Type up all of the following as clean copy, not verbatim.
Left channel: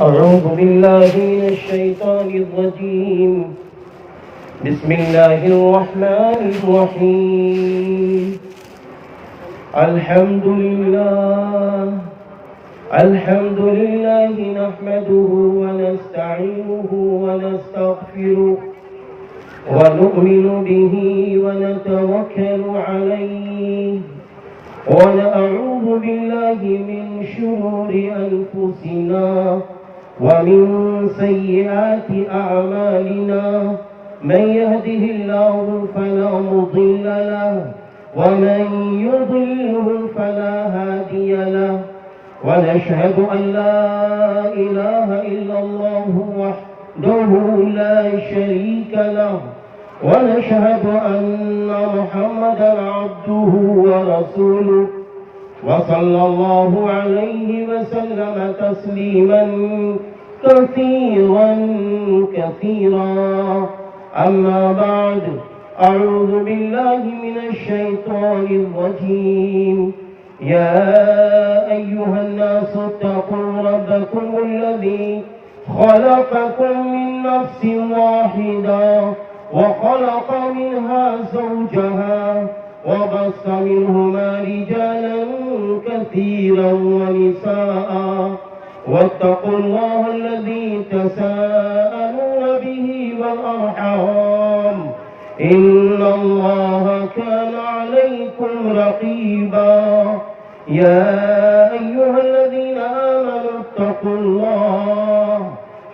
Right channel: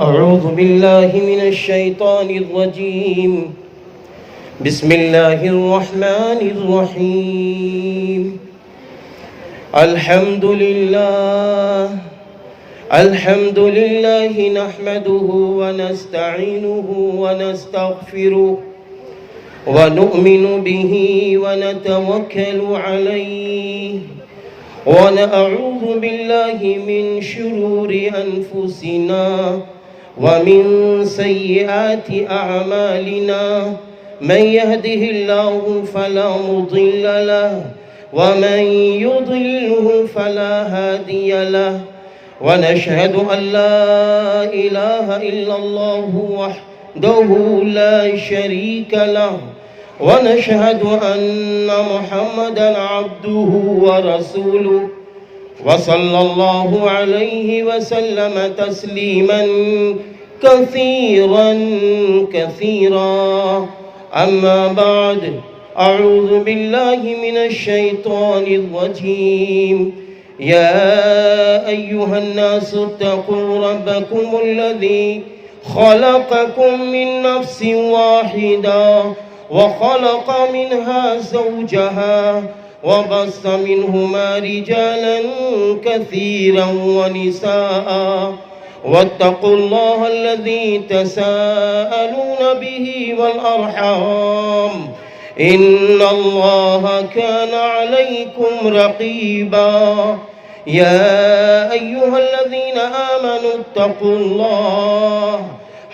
أعوذ بالله من الشيطان الرجيم. بسم الله الرحمن الرحيم. الحمد لله نحمده ونستعينه ونستغفره ونؤمن به ونتوكل عليه ونعوذ بالله من شرور أنفسنا ومن سيئات أعمالنا. من يهده الله فلا مضل له ومن يضلله فلا هادي له. ونشهد أن لا إله إلا الله وحده لا شريك له. ونشهد أن محمدا عبده ورسوله وصلى الله عليه وسلم تسليما كثيرا. أما بعد، أعوذ بالله من الشيطان الرجيم. يا أيها الناس اتقوا ربكم الذي خلقكم من نفس واحدة وخلق منها زوجها وبث منهما رجالا كثيرا ونساء. واتقوا الله الذي تساءلون به والأرحام إن الله كان عليكم رقيبا. يا أيها الذين آمنوا اتقوا الله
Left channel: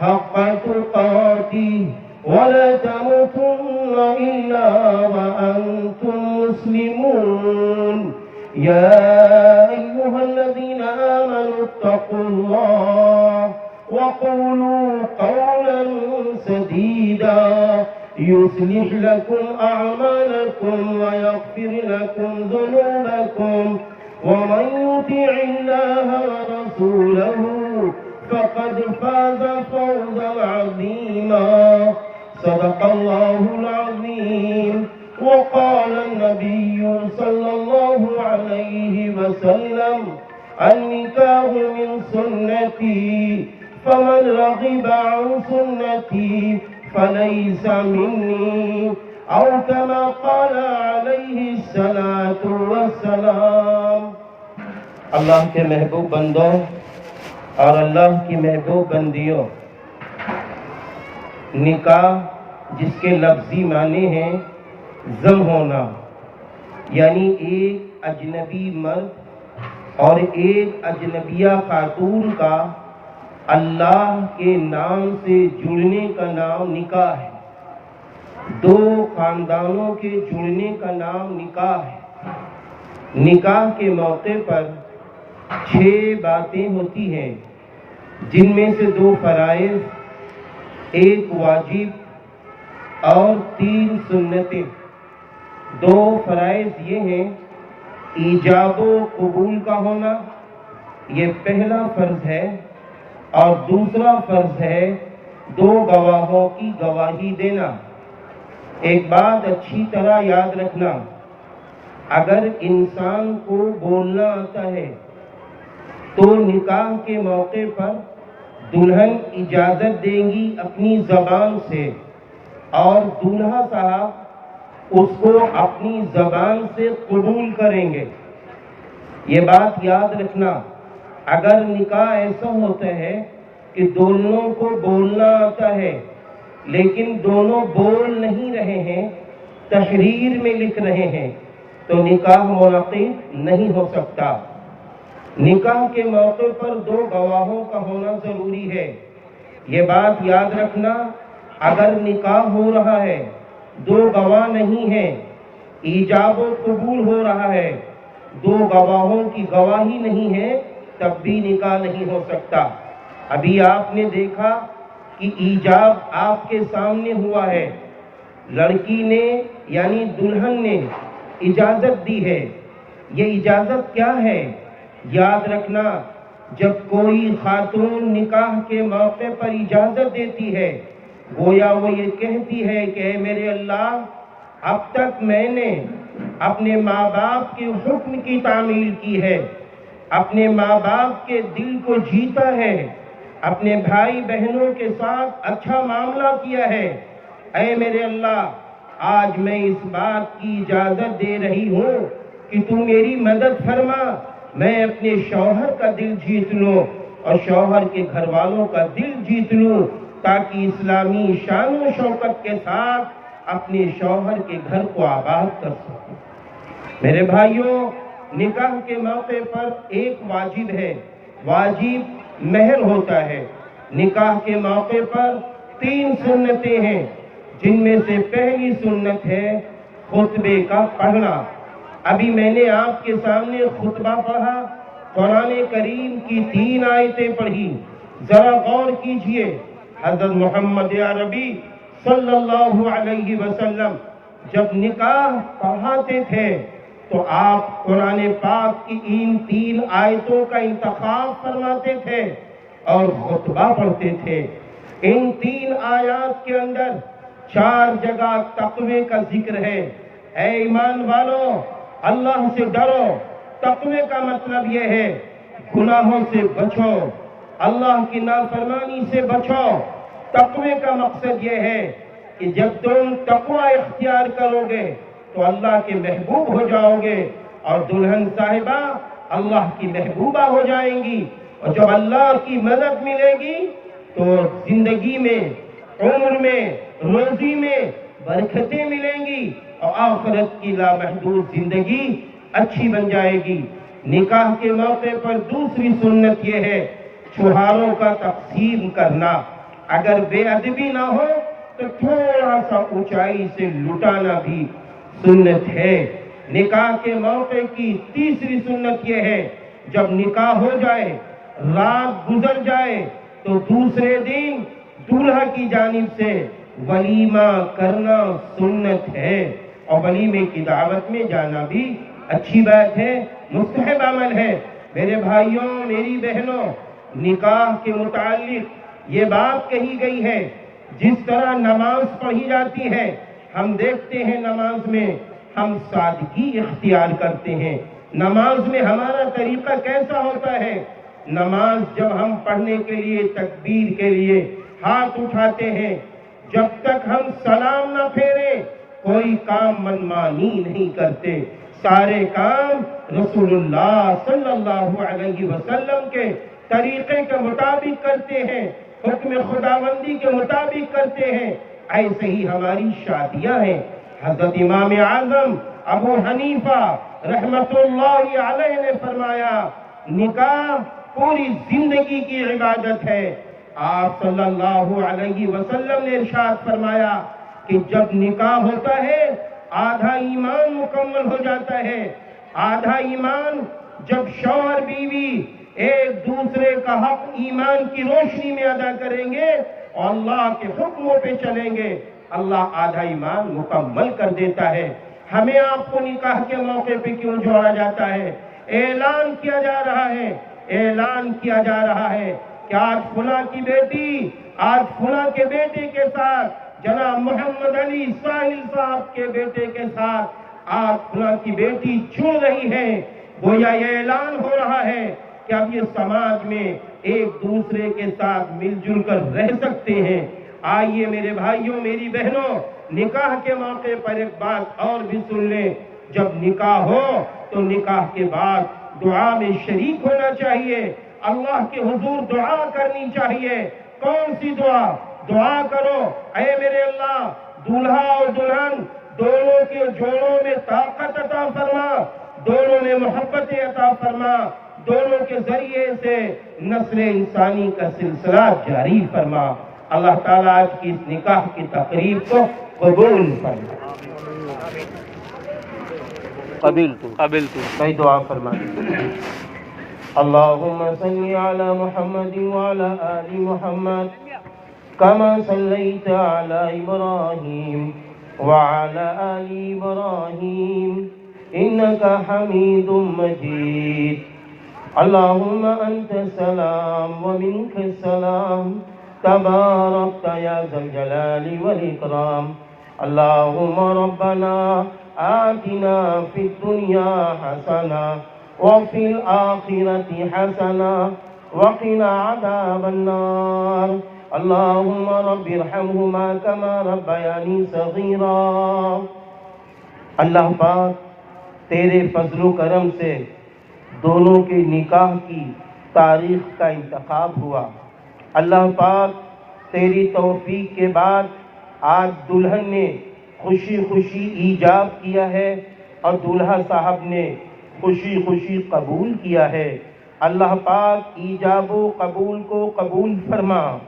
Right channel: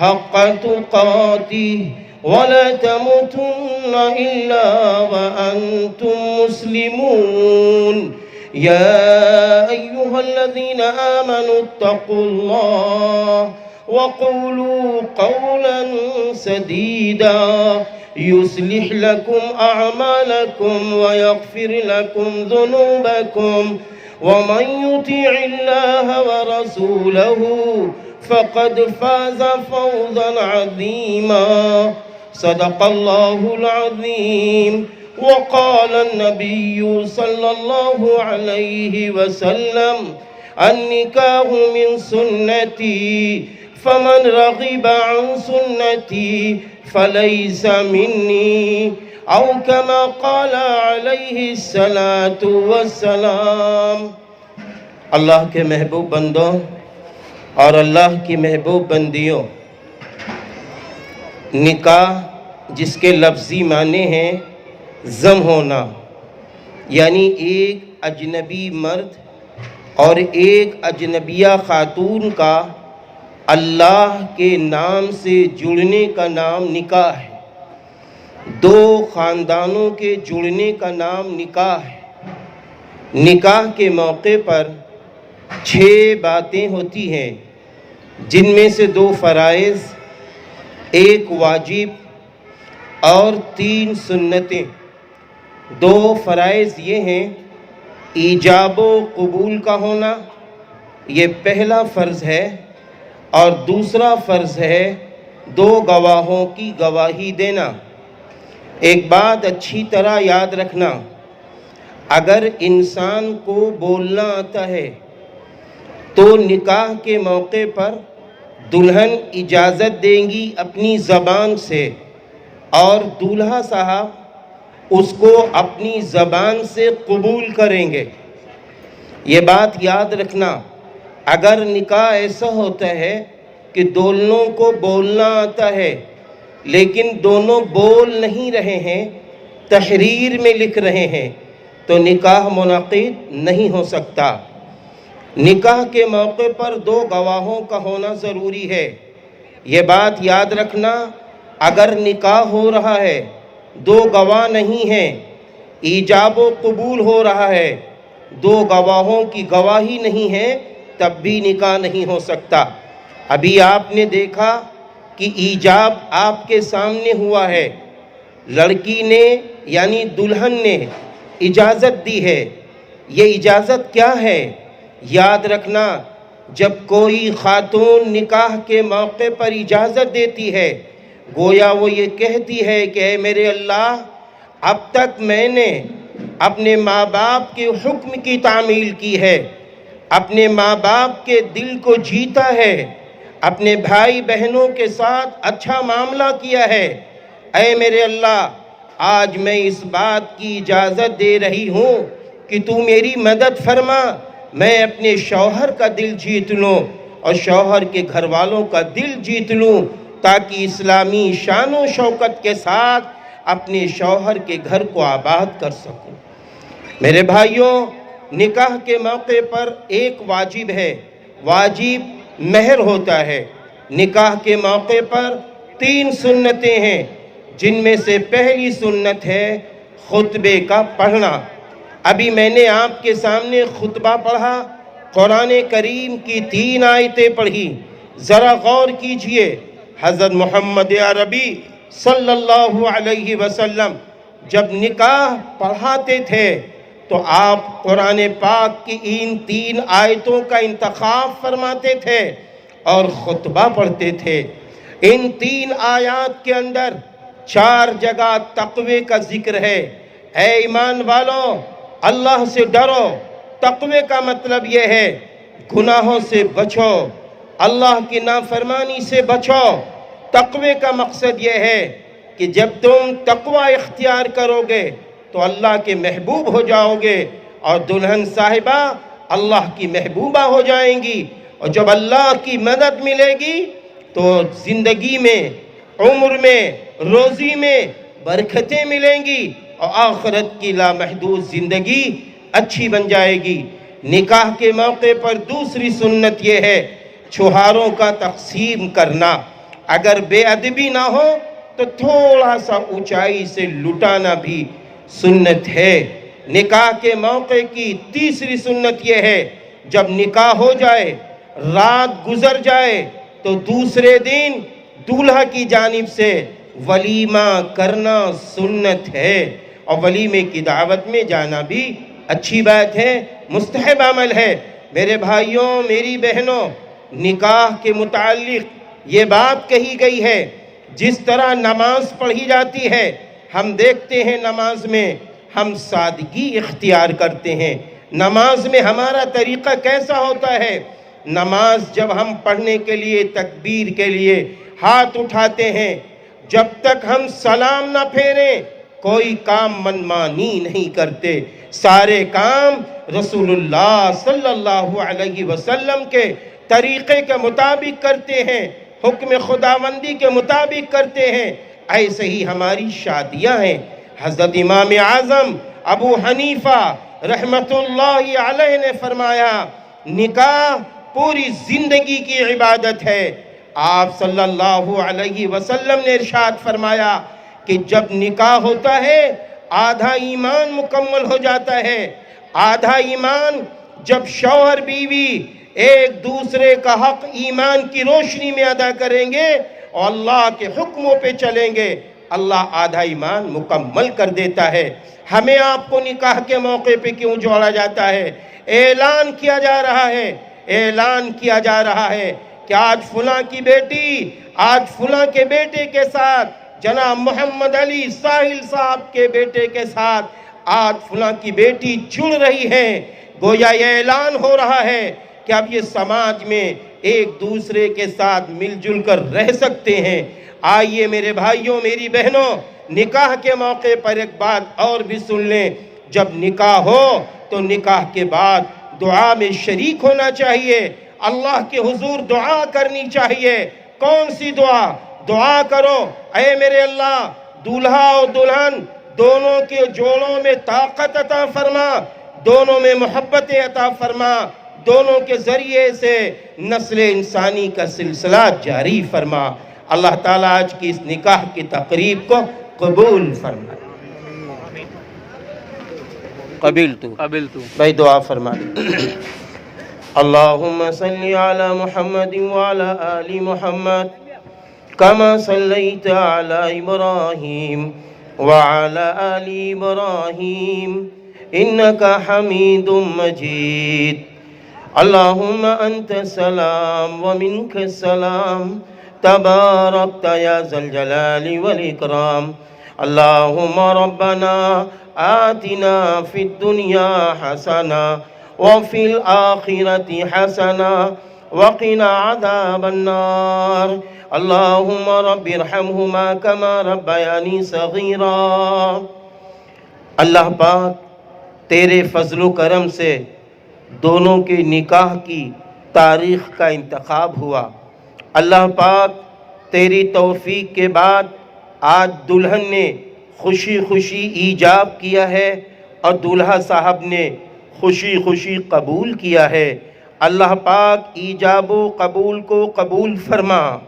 حق تقاته ولا تموتن إلا وأنتم مسلمون. يا أيها الذين آمنوا اتقوا الله وقولوا قولا سديدا يصلح لكم أعمالكم ويغفر لكم ذنوبكم. ومن يطع الله ورسوله فقد فاز فوزا عظيما. صدق الله العظيم. وقال النبي صلى الله عليه وسلم: النكاح من سنتي فمن رغب عن سنتي فليس مني، أو كما قال عليه الصلاة والسلام. اللہ کے محبوب بندوں اور اللہ کی محبوب بندیوں، نکاح جس کے لفظی معنی ہیں زم ہونا، یعنی ایک اجنبی مرد اور ایک اجنبیہ خاتون کا اللہ کے نام سے جڑنے کا نام نکاح ہے. دو خاندانوں کے جڑنے کا نام نکاح ہے. نکاح کے موقع پر 6 باتیں ہوتی ہیں، جن میں سے 2 فرائض، 1 واجب اور 3 سنتیں. 2 فرائض یہ ہیں: ایجاب و قبول کا ہونا، یہ پہلا فرض ہے، اور دوسرا فرض ہے 2 گواہوں کی گواہی دینا. ایک بات اچھی طرح یاد رکھنا، اگر انسان کو بولنا آتا ہے تو نکاح کے موقع پر دلہن اجازت دیں گی اپنی زبان سے، اور دولہا صاحب اس کو اپنی زبان سے قبول کریں گے. یہ بات یاد رکھنا، اگر نکاح ایسا ہوتا ہے کہ دونوں کو بولنا آتا ہے لیکن دونوں بول نہیں رہے ہیں، تحریر میں لکھ رہے ہیں، تو نکاح منعقد نہیں ہو سکتا. نکاح کے موقع پر 2 گواہوں کا ہونا ضروری ہے. یہ بات یاد رکھنا، اگر نکاح ہو رہا ہے 2 گواہ نہیں ہیں، ایجاب و قبول ہو رہا ہے 2 گواہوں کی گواہی نہیں ہے، تب بھی نکاح نہیں ہو سکتا. ابھی آپ نے دیکھا کہ ایجاب آپ کے سامنے ہوا ہے، لڑکی نے یعنی دلہن نے اجازت دی ہے. یہ اجازت کیا ہے؟ یاد رکھنا، جب کوئی خاتون نکاح کے موقع پر اجازت دیتی ہے، گویا وہ یہ کہتی ہے کہ اے میرے اللہ، اب تک میں نے اپنے ماں باپ کے حکم کی تعمیل کی ہے، اپنے ماں باپ کے دل کو جیتا ہے، اپنے بھائی بہنوں کے ساتھ اچھا معاملہ کیا ہے۔ اے میرے اللہ، آج میں اس بات کی اجازت دے رہی ہوں کہ تو میری مدد فرما، میں اپنے شوہر کا دل جیت لوں اور شوہر کے گھر والوں کا دل جیت لوں، تاکہ اسلامی شان و شوکت کے ساتھ اپنے شوہر کے گھر کو آباد کر سکوں۔ میرے بھائیوں، نکاح کے موقع پر ایک واجب ہے، واجب مہر ہوتا ہے۔ نکاح کے موقع پر 3 سنتیں ہیں، جن میں سے پہلی سنت ہے خطبے کا پڑھنا۔ ابھی میں نے آپ کے سامنے خطبہ پڑھا، قرآن کریم کی 3 آیتیں پڑھی۔ ذرا غور کیجئے، حضرت محمد عربی صلی اللہ علیہ وسلم جب نکاح پڑھاتے تھے تو آپ قرآن پاک کی ان 3 آیتوں کا انتخاب فرماتے تھے اور خطبہ پڑھتے تھے۔ ان 3 آیات کے اندر 4 جگہ تقوی کا ذکر ہے۔ اے ایمان والوں، اللہ سے ڈرو۔ تقوی کا مطلب یہ ہے گناہوں سے بچو، اللہ کی نافرمانی سے بچو۔ تقوی کا مقصد یہ ہے کہ جب تم تقوی اختیار کرو گے تو اللہ کے محبوب ہو جاؤ گے، اور دلہن صاحبہ اللہ کی محبوبہ ہو جائیں گی، اور جب اللہ کی مدد ملے گی تو زندگی میں، عمر میں، روزی میں برکتیں ملیں گی، اور آخرت کی لامحدود زندگی اچھی بن جائے گی۔ نکاح کے موقع پر دوسری سنت یہ ہے چھہاروں کا تقسیم کرنا۔ اگر بے ادبی نہ ہو تو تھوڑا سا اونچائی سے لٹانا بھی سنت ہے۔ نکاح کے موقع کی تیسری سنت یہ ہے جب نکاح ہو جائے، رات گزر جائے تو دوسرے دن دولہا کی جانب سے ولیمہ کرنا سنت ہے، اور ولیمے کی دعوت میں جانا بھی اچھی بات ہے، مستحب عمل ہے۔ میرے بھائیوں، میری بہنوں، نکاح کے متعلق یہ بات کہی گئی ہے، جس طرح نماز پڑھی جاتی ہے، ہم دیکھتے ہیں نماز میں ہم سادگی اختیار کرتے ہیں۔ نماز میں ہمارا طریقہ کیسا ہوتا ہے؟ نماز جب ہم پڑھنے کے لیے، تکبیر کے لیے ہاتھ اٹھاتے ہیں، جب تک ہم سلام نہ پھیریں کوئی کام منمانی نہیں کرتے، سارے کام رسول اللہ صلی اللہ علیہ وسلم کے طریقے کے مطابق کرتے ہیں، حکم خداوندی کے مطابق کرتے ہیں۔ ایسے ہی ہماری شادیاں ہیں۔ حضرت امام اعظم ابو حنیفہ رحمت اللہ علیہ نے فرمایا نکاح پوری زندگی کی عبادت ہے۔ آپ صلی اللہ علیہ وسلم نے ارشاد فرمایا کہ جب نکاح ہوتا ہے آدھا ایمان مکمل ہو جاتا ہے۔ آدھا ایمان جب شوہر بیوی ایک دوسرے کا حق ایمان کی روشنی میں ادا کریں گے اور اللہ کے حکموں پہ چلیں گے، اللہ آدھا ایمان مکمل کر دیتا ہے۔ ہمیں آپ کو نکاح کے موقع پہ کیوں جوڑا جاتا ہے؟ اعلان کیا جا رہا ہے، اعلان کیا جا رہا ہے کہ آج فلاں کی بیٹی، آج فلاں کے بیٹے کے ساتھ، جناب محمد علی ساحل صاحب کے بیٹے کے ساتھ آج فلاں کی بیٹی جڑ رہی ہے۔ گویا یہ اعلان ہو رہا ہے کہ اب یہ سماج میں ایک دوسرے کے ساتھ مل جل کر رہ سکتے ہیں۔ آئیے میرے بھائیوں، میری بہنوں، نکاح کے موقع پر ایک بات اور بھی سن لیں۔ جب نکاح ہو تو نکاح کے بعد دعا میں شریک ہونا چاہیے، اللہ کے حضور دعا کرنی چاہیے۔ کون سی دعا؟ دعا کرو، اے میرے اللہ دولہا اور دلہن دونوں کے جوڑوں میں طاقت عطا فرما، دونوں میں محبت عطا فرما، دونوں کے ذریعے سے نسل انسانی کا سلسلہ جاری فرما۔ اللہ تعالیٰ آج کی اس نکاح کی تقریب کو قبول فرما۔ قبل تو بھائی دعا فرما۔ اللہم صلی علی محمد وعلی آل محمد كما صليت على إبراهيم وعلى آل إبراهيم إنك حميد مجيد اللهم أنت السلام ومنك السلام تباركت يا ذا الجلال والإكرام اللهم ربنا آتنا في الدنيا حسنة وفي الآخرة حسنة وقنا عذاب النار اللهم رب ارحمهما كما ربياني صغيرا۔ اللہ پاک تیرے فضل و کرم سے دونوں کے نکاح کی تاریخ کا انتخاب ہوا۔ اللہ پاک تیری توفیق کے بعد آج دلہن نے خوشی خوشی ایجاب کیا ہے اور دولہا صاحب نے خوشی خوشی قبول کیا ہے۔ اللہ پاک ایجاب و قبول کو قبول فرما۔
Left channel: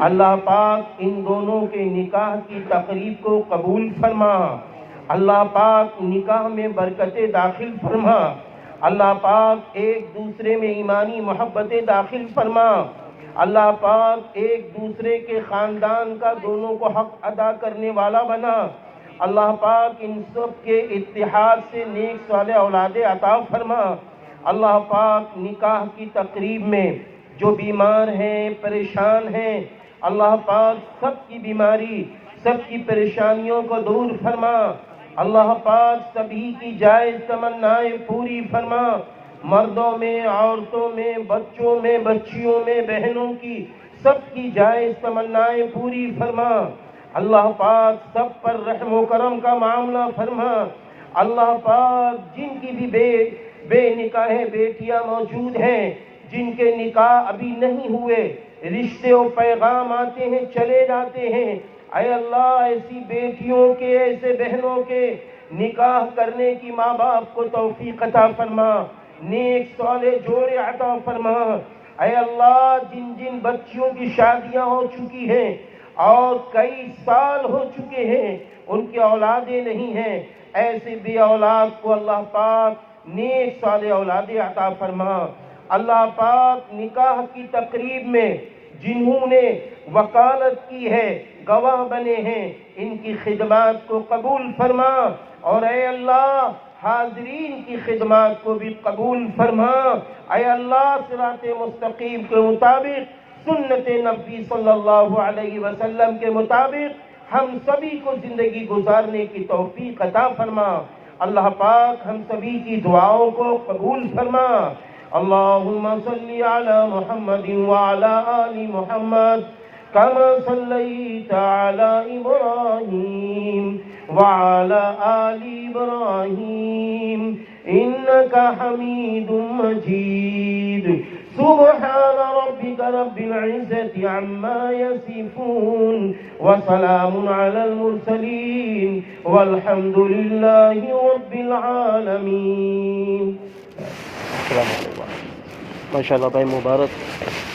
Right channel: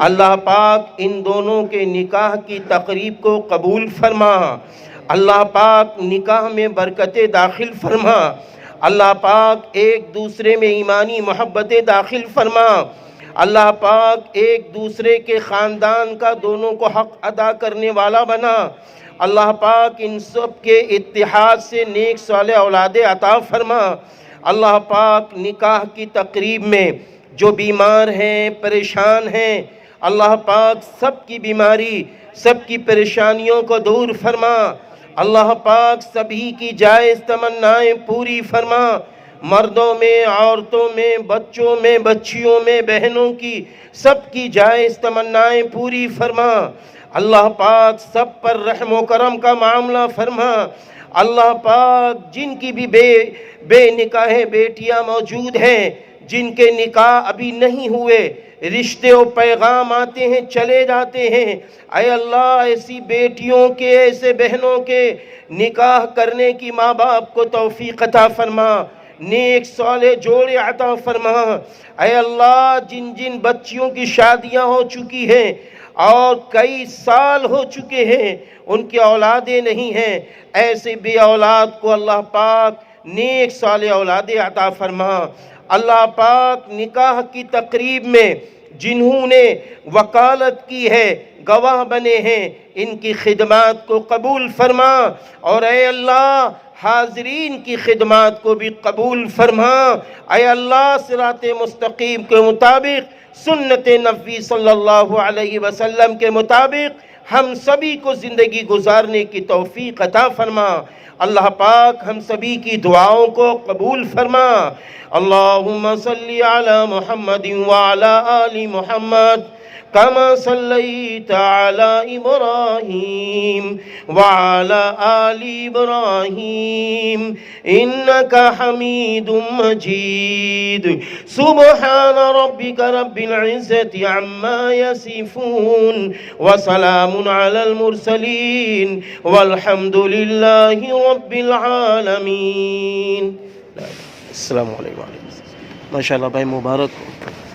اللہ پاک ان دونوں کے نکاح کی تقریب کو قبول فرما۔ اللہ پاک نکاح میں برکتیں داخل فرما۔ اللہ پاک ایک دوسرے میں ایمانی محبتیں داخل فرما۔ اللہ پاک ایک دوسرے کے خاندان کا دونوں کو حق ادا کرنے والا بنا۔ اللہ پاک ان سب کے اتحاد سے نیک صالح اولادیں عطا فرما۔ اللہ پاک نکاح کی تقریب میں جو بیمار ہیں، پریشان ہیں، اللہ پاک سب کی بیماری، سب کی پریشانیوں کو دور فرما۔ اللہ پاک سبھی کی جائز تمنائیں پوری فرما۔ مردوں میں، عورتوں میں، بچوں میں، بچیوں میں، بہنوں کی سب کی جائز تمنائیں پوری فرما۔ اللہ پاک سب پر رحم و کرم کا معاملہ فرما۔ اللہ پاک جن کی بھی بے نکاح بیٹیاں موجود ہیں، جن کے نکاح ابھی نہیں ہوئے، رشتے و پیغام آتے ہیں چلے جاتے ہیں، اے اللہ ایسی بیٹیوں کے، ایسے بہنوں کے نکاح کرنے کی ماں باپ کو توفیق عطا فرما، نیک صالح جوڑے عطا فرما۔ اے اللہ جن جن بچیوں کی شادیاں ہو چکی ہیں اور کئی سال ہو چکے ہیں، ان کی اولادیں نہیں ہیں، ایسے بھی اولاد کو اللہ پاک نیک صالح اولادیں عطا فرما۔ اللہ پاک نکاح کی تقریب میں جنہوں نے وکالت کی ہے، گواہ بنے ہیں، ان کی خدمات کو قبول فرما، اور اے اللہ حاضرین کی خدمات کو بھی قبول فرما۔ اے اللہ صراط مستقیم کے مطابق، سنت نبی صلی اللہ علیہ وسلم کے مطابق ہم سبھی کو زندگی گزارنے کی توفیق عطا فرما۔ اللہ پاک ہم سبھی کی دعاؤں کو قبول فرما۔ اللہم صلی علی محمد وعلی آل محمد کما صلیت علی ابراہیم وعلی آل ابراہیم انکا حمید مجید۔ سبحان ربک رب العزت عما یصفون وسلام علی المرسلین والحمد للہ رب العالمین۔ السلام علیکم۔ ماشاءاللہ بھائی مبارک۔